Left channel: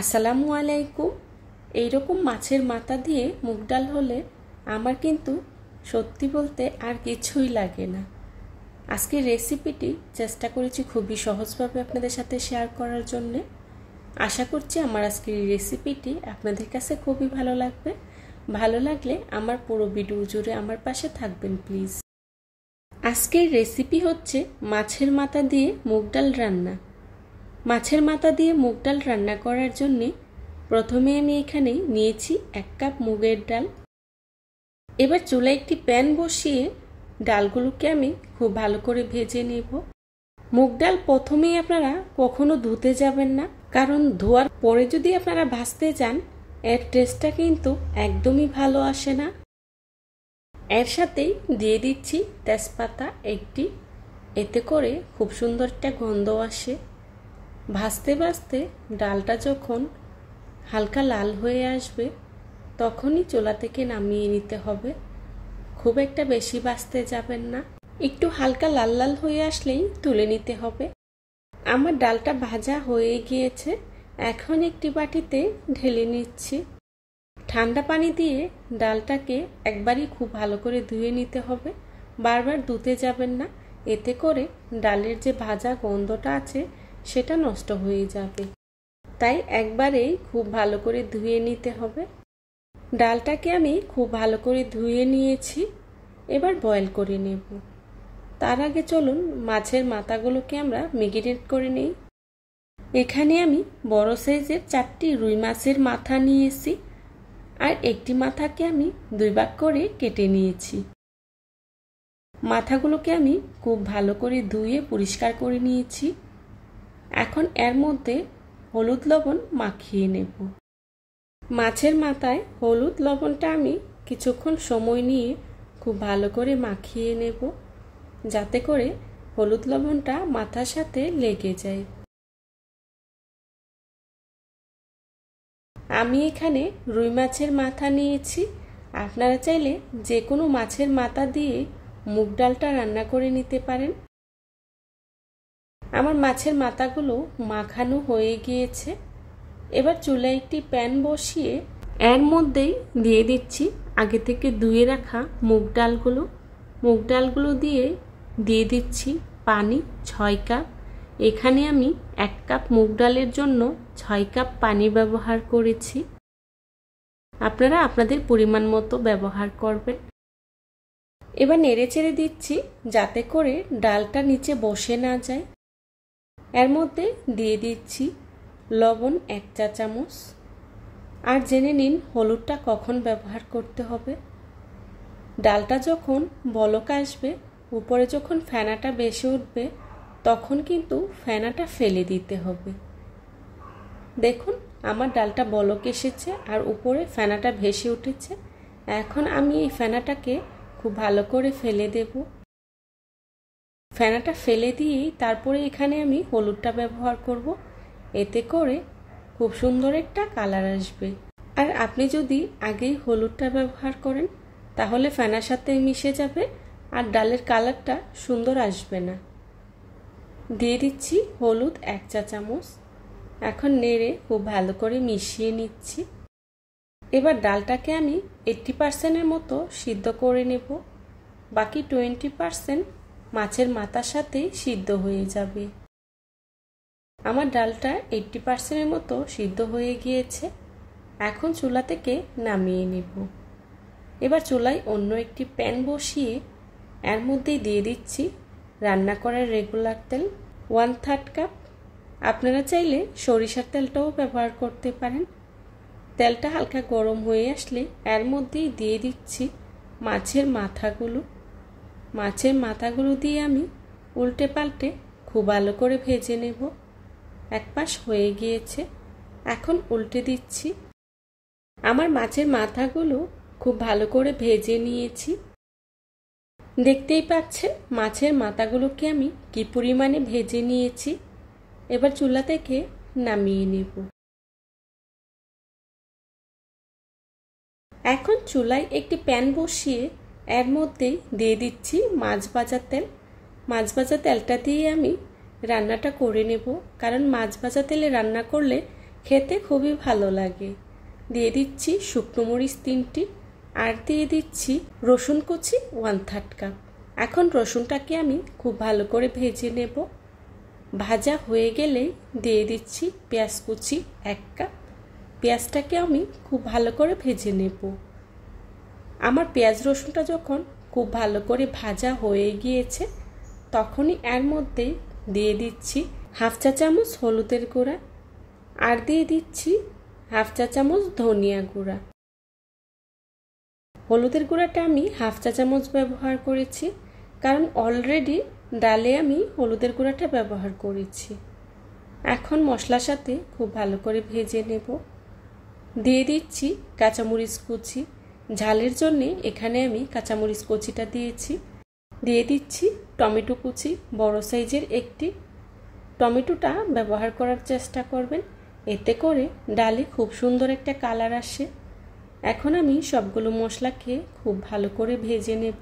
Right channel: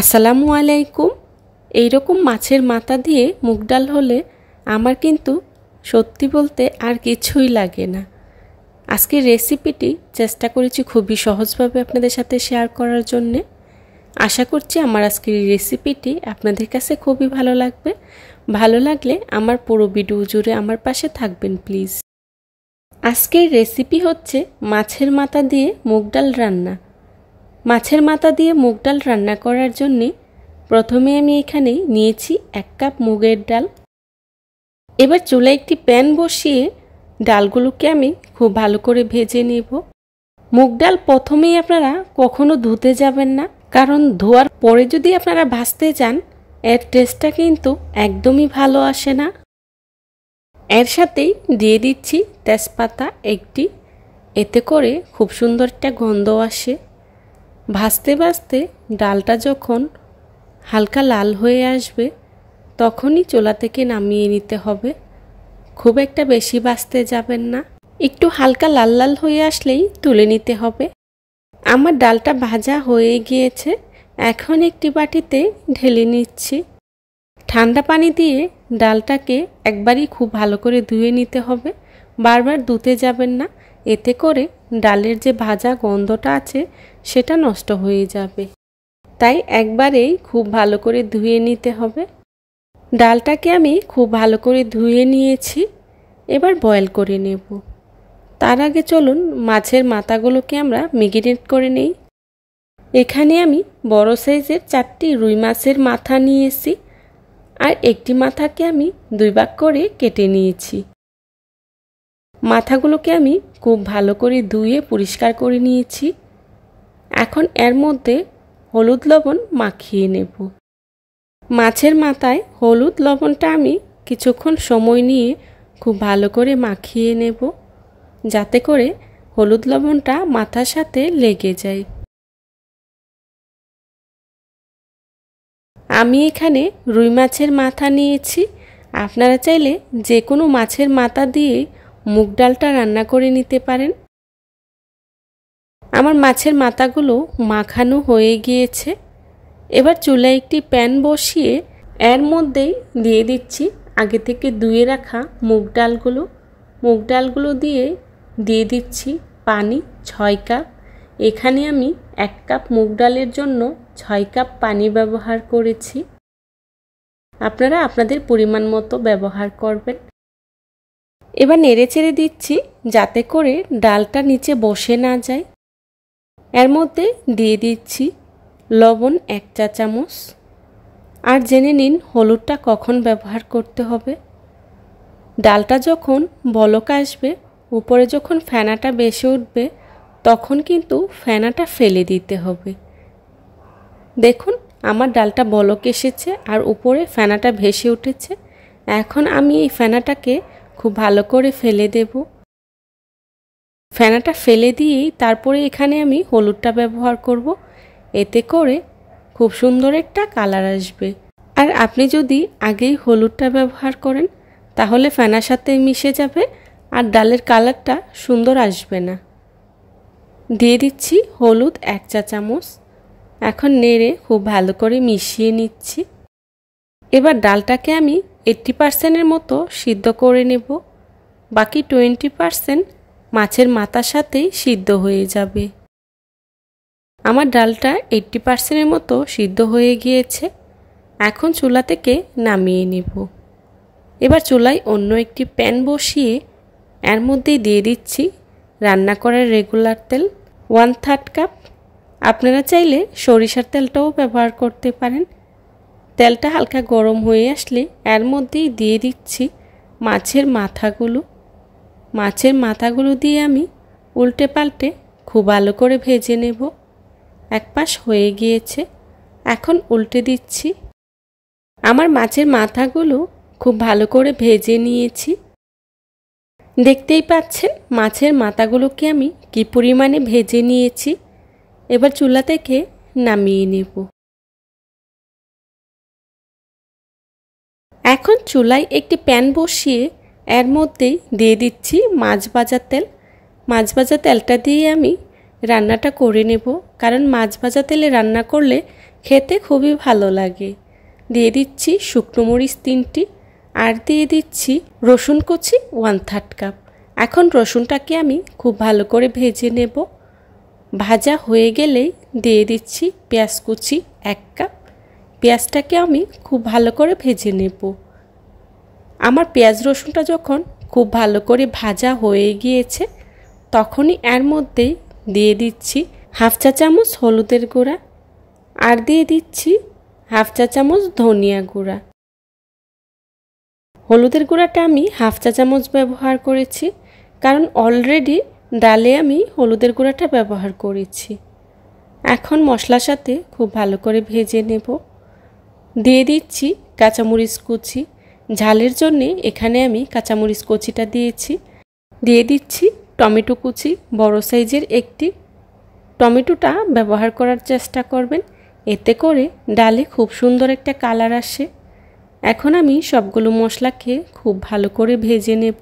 আসসালামু আলাইকুম। এইরকম মাছের মাথা দিয়ে মুগ ডাল হলে আমার কিন্তু সত্যি বলতে আর কিছুই লাগে না। আজকের রেসিপিটি চেষ্টা করেছি খুবই সহজভাবে আপনাদের সাথে শেয়ার করার জন্যে। আশা করছি আমার আজকের এই রেসিপিটি আপনাদের কাছে খুবই ভালো লাগবে। ভালো লাগলে আমার পুরো ভিডিও জুড়ে আমার পাশে থাকবেন প্লিজ। আজকের রেসিপি হচ্ছে মাছের মাথা দিয়ে মুগ ডাল রান্না। মাছের মাথা দিয়ে মুগ ডাল রান্না করার জন্য প্রথমে আমি এখানে নিয়েছি 1 কাপ মুগের ডাল। এবার চুলায় একটি প্যান বসিয়ে ডালগুলোকে আমি খুব ভালো করে ভেজে নেব। মুগ ডাল প্রথমেই আপনারা কখনো ধুতে যাবেন না, কারণ ধোয়ার পরে যদি আপনারা ভাজতে যান এর টেস্টটা কিন্তু একদমই ভালো আসে না। এর সাথেই দিয়ে দিচ্ছি তেজপাতা একটি, এতে করে খুব সুন্দর একটা গন্ধ আসে। ভাজতে ভাজতে ডালটা যখন হালকা লাল হয়ে আসবে তখনই চুলা থেকে নামিয়ে নিতে হবে। খুব একটা বেশি ভাজতে যাবেন না, একটু হালকা লাল লাল হয়ে আসলেই তুলে নিতে হবে। আমার ডালটা ভাজা হয়ে গিয়েছে, এখন একটি বাটিতে ঢেলে নিচ্ছি। ঠান্ডা পানি দিয়ে ডালটাকে একবারই খুব ভালো করে ধুয়ে নিতে হবে, বারবার ধুতে যাবেন না, এতে করে ডালের যে ভাজা গন্ধটা আছে সেটা নষ্ট হয়ে যাবে। তাই একবারেই খুব ভালো করে ধুয়ে নিতে হবে। ডালটাকে আমি খুব ভালো করে ধুয়ে নিয়েছি, এবার বয়েল করে নেব। তার আগে চলুন মাছের মাথাগুলোকে আমরা ম্যারিনেট করে নেই। এখানে আমি বড় সাইজের 4টি রুই মাছের মাথা নিয়েছি, আর একটি মাথাকে আমি 2 ভাগ করে কেটে নিয়েছি। মাথাগুলোকে আমি খুব ভালো করে ধুয়ে পরিষ্কার করে নিয়েছি। এখন এর মধ্যে হলুদ লবণ মাখিয়ে নেব। মাছের মাথায় হলুদ লবণটা আমি কিছুক্ষণ সময় নিয়ে খুব ভালো করে মাখিয়ে নেব, যাতে করে হলুদ লবণটা মাথার সাথে লেগে যায়। আমি এখানে রুই মাছের মাথা নিয়েছি, আপনারা চাইলে যে কোনো মাছের মাথা দিয়ে মুগ ডালটা রান্না করে নিতে পারেন। আমার মাছের মাথাগুলো মাখানো হয়ে গিয়েছে। এবার চুলায় একটি প্যান বসিয়ে এর মধ্যেই দিয়ে দিচ্ছি আগে থেকে ধুয়ে রাখা মুগ ডালগুলো। মুগ ডালগুলো দিয়ে দিচ্ছি পানি 6 কাপ। এখানে আমি 1 কাপ মুগ ডালের জন্য 6 কাপ পানি ব্যবহার করেছি। আপনারা আপনাদের পরিমাণ মতো ব্যবহার করবেন। এবার নেড়েচেড়ে দিচ্ছি যাতে করে ডালটা নিচে বসে না যায়। এর মধ্যে দিয়ে দিচ্ছি লবণ 1 চা চামচ, আর জেনে নিন হলুদটা কখন ব্যবহার করতে হবে। ডালটা যখন বলক আসবে, উপরে যখন ফেনাটা বেশি উঠবে, তখন কিন্তু ফেনাটা ফেলে দিতে হবে। দেখুন আমার ডালটা বলক এসেছে আর উপরে ফেনাটা ভেসে উঠেছে। এখন আমি এই ফেনাটাকে খুব ভালো করে ফেলে দেব। ফেনাটা ফেলে দিয়েই তারপরে এখানে আমি হলুদটা ব্যবহার করব, এতে করে খুব সুন্দর একটা কালার আসবে। আর আপনি যদি আগেই হলুদটা ব্যবহার করেন তাহলে ফেনার সাথে মিশে যাবে আর ডালের কালারটা সুন্দর আসবে না। দিয়ে দিচ্ছি হলুদ 1 চা চামচ। এখন নেড়ে খুব ভালো করে মিশিয়ে নিচ্ছি। এবার ডালটাকে আমি 80% মতো সিদ্ধ করে নেব, বাকি 20% মাছের মাথার সাথেই সিদ্ধ হয়ে যাবে। আমার ডালটা 80% মতো সিদ্ধ হয়ে গিয়েছে, এখন চুলা থেকে নামিয়ে নেব। এবার চুলায় অন্য একটি প্যান বসিয়ে এর মধ্যে দিয়ে দিচ্ছি রান্না করার রেগুলার তেল 1/3 কাপ। আপনারা চাইলে সরিষার তেলটাও ব্যবহার করতে পারেন। তেলটা হালকা গরম হয়ে আসলে এর মধ্যেই দিয়ে দিচ্ছি মাছের মাথাগুলো। মাছের মাথাগুলো দিয়ে আমি উল্টে পাল্টে খুব ভালো করে ভেজে নেব। এক পাশ হয়ে গিয়েছে, এখন উল্টে দিচ্ছি। আমার মাছের মাথাগুলো খুব ভালো করে ভেজে নিয়েছি। দেখতেই পাচ্ছেন মাছের মাথাগুলোকে আমি কি পরিমাণে ভেজে নিয়েছি। এবার চুলা থেকে নামিয়ে নেব। এখন চুলায় একটি প্যান বসিয়ে এর মধ্যেই দিয়ে দিচ্ছি মাছ ভাজা তেল। মাছ ভাজা তেলটা দিয়ে আমি রান্নাটা করে নেব, কারণ মাছ ভাজা তেলে রান্না করলে খেতে খুবই ভালো লাগে। দিয়ে দিচ্ছি শুকনো মরিচ 3টি আর দিয়ে দিচ্ছি রসুন কুচি 1/3 কাপ। এখন রসুনটাকে আমি খুব ভালো করে ভেজে নেব। ভাজা হয়ে গেলেই দিয়ে দিচ্ছি পেঁয়াজ কুচি 1 কাপ। পেঁয়াজটাকে আমি খুব ভালো করে ভেজে নেব। আমার পেঁয়াজ রসুনটা যখন খুব ভালো করে ভাজা হয়ে গিয়েছে তখনই এর মধ্যেই দিয়ে দিচ্ছি 1/2 চা চামচ হলুদের গুঁড়া আর দিয়ে দিচ্ছি 1/2 চা চামচ ধনিয়া গুঁড়া। হলুদের গুঁড়াটা আমি 1/2 চা চামচ ব্যবহার করেছি, কারণ অলরেডি ডালে আমি হলুদের গুঁড়াটা ব্যবহার করেছি। এখন মশলার সাথে খুব ভালো করে ভেজে নেব। দিয়ে দিচ্ছি কাঁচামরিচ কুচি। ঝালের জন্য এখানে আমি কাঁচামরিচ কুচিটা দিয়েছি। দিয়ে দিচ্ছি টমেটো কুচি, বড় সাইজের একটি। টমেটোটা ব্যবহার করার চেষ্টা করবেন, এতে করে ডালে খুব সুন্দর একটা কালার আসে। এখন আমি সবগুলো মশলাকে খুব ভালো করে ভেজে নেব।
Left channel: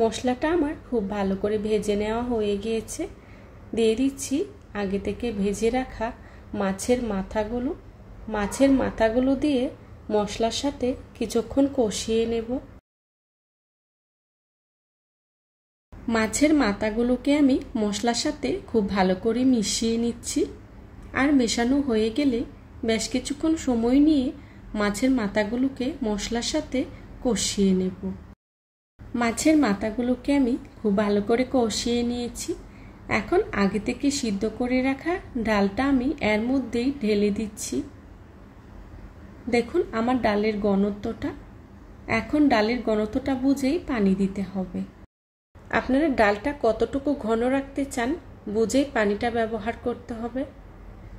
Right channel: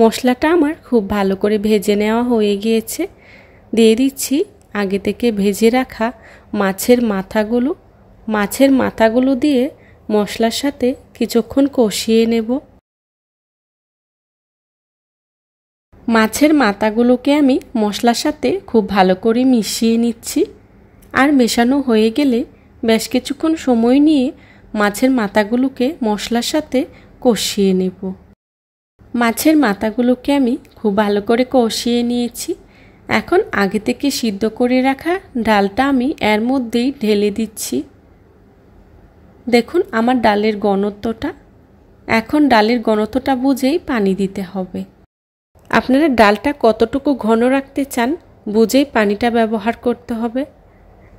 মশলাটা আমার খুব ভালো করে ভেজে নেওয়া হয়ে গিয়েছে। দিয়ে দিচ্ছি আগে থেকে ভেজে রাখা মাছের মাথাগুলো। মাছের মাথাগুলো দিয়ে মশলার সাথে কিছুক্ষণ কষিয়ে নেব। মাছের মাথাগুলোকে আমি মশলার সাথে খুব ভালো করে মিশিয়ে নিচ্ছি। আর মেশানো হয়ে গেলে বেশ কিছুক্ষণ সময় নিয়ে মাছের মাথাগুলোকে মশলার সাথে কষিয়ে নেব। মাছের মাথাগুলোকে আমি খুব ভালো করে কষিয়ে নিয়েছি। এখন আগে থেকে সিদ্ধ করে রাখা ডালটা আমি এর মধ্যেই ঢেলে দিচ্ছি। দেখুন আমার ডালের ঘনত্বটা। এখন ডালের ঘনত্বটা বুঝেই পানি দিতে হবে। আপনারা ডালটা কতটুকু ঘন রাখতে চান বুঝেই পানিটা ব্যবহার করতে হবে।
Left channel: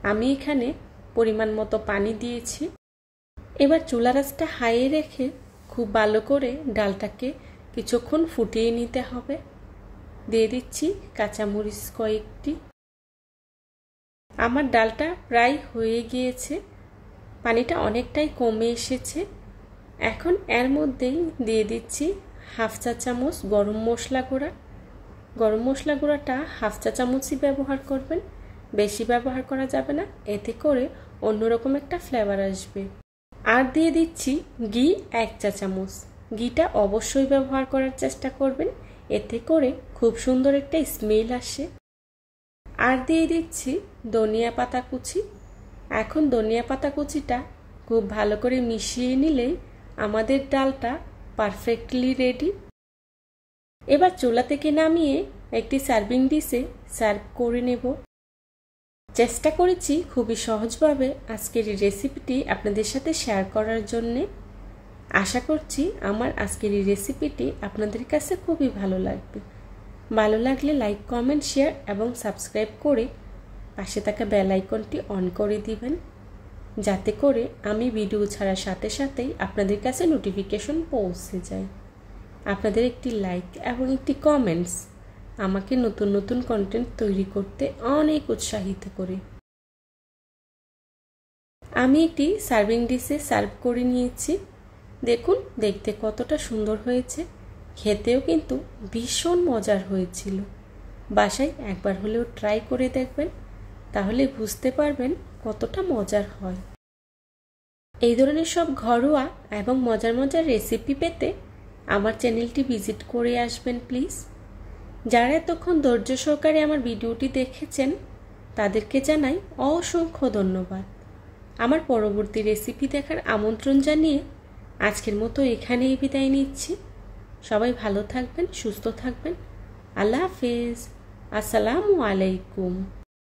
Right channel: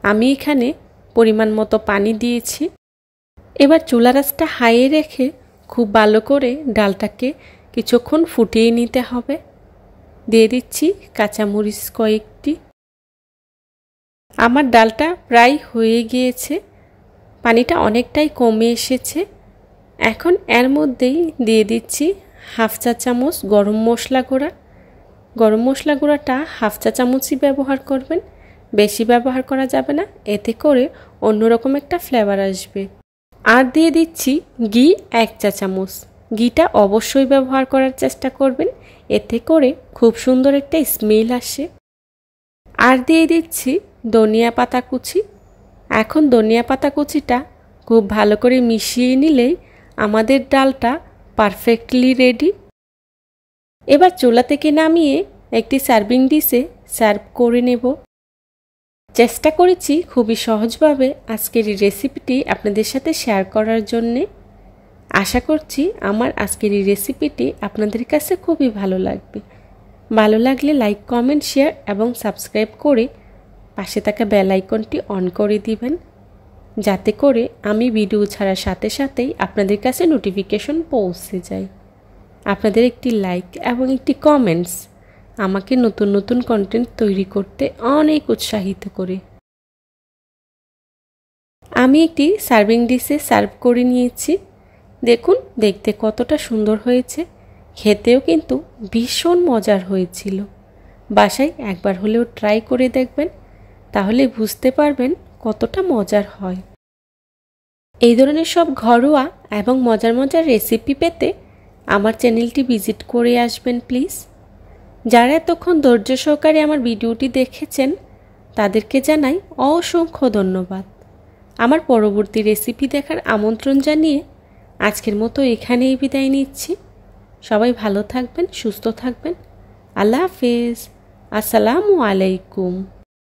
আমি এখানে পরিমাণ মতো পানি দিয়েছি। এবার চুলা আঁচটা হাইয়ে রেখে খুব ভালো করে ডালটাকে কিছুক্ষণ ফুটিয়ে নিতে হবে। দিয়ে দিচ্ছি কাঁচামরিচ কয়েকটি। আমার ডালটা প্রায় হয়ে গিয়েছে, পানিটা অনেকটাই কমে এসেছে। এখন এর মধ্যেই দিয়ে দিচ্ছি 1/2 চা চামচ গরম মশলা গুঁড়া। গরম মশলা গুঁড়াটা 1/2 চা চামচই ব্যবহার করবেন, বেশি ব্যবহার করা যাবে না, এতে করে অন্যরকম একটা ফ্লেভার আসবে। আর দিয়ে দিচ্ছি ঘি 1 চা চামচ। ঘিটা অবশ্যই ব্যবহার করার চেষ্টা করবেন, এতে করে খুব সুন্দর একটা স্মেল আসে। আর দিয়ে দিচ্ছি ধনিয়া পাতা কুচি। এখন ধনিয়া পাতা কুচিটা খুব ভালো করে মিশিয়ে নিলেই আমাদের ডালটা পারফেক্টলি রেডি। এবার চুলা থেকে নামিয়ে একটি সার্ভিং ডিশে সার্ভ করে নেব। চেষ্টা করেছি খুবই সহজভাবে আজকের এই রেসিপিটি আপনাদের সাথে শেয়ার করার জন্যে। আশা করছি আমার আজকের এই রেসিপিটি আপনাদের কাছে খুবই ভালো লাগবে। ভালো লাগলে লাইক, কমেন্ট, শেয়ার এবং সাবস্ক্রাইব করে পাশে থাকা বেল আইকনটি অন করে দিবেন, যাতে করে আমি ভিডিও ছাড়ার সাথে সাথেই আপনাদের কাছে নোটিফিকেশন পৌঁছে যায়। আপনাদের একটি লাইক এবং একটি কমেন্টস আমাকে নতুন নতুন কন্টেন্ট তৈরি করতে অনেক উৎসাহিত করে। আমি একটি সার্ভিং ডিশে সার্ভ করে নিয়েছি। দেখুন দেখতে কতটা সুন্দর হয়েছে, খেতেও কিন্তু ভীষণ মজার হয়েছিল। বাসায় একবার হলেও ট্রাই করে দেখবেন, তাহলে বুঝতে পারবেন কতটা মজার হয়। এই ধরনের সব ঘরোয়া এবং মজার মজার রেসিপি পেতে আমার চ্যানেলটি ভিজিট করে আসবেন প্লিজ। যারা এতক্ষণ ধৈর্য সহকারে আমার ভিডিওটি দেখেছেন তাদেরকে জানাই অসংখ্য ধন্যবাদ। আমার পরবর্তী রেসিপি দেখার আমন্ত্রণ জানিয়ে আজকের মতো এখানেই বিদায় নিচ্ছি। সবাই ভালো থাকবেন, সুস্থ থাকবেন। আল্লাহ হাফেজ। আসসালামু আলাইকুম।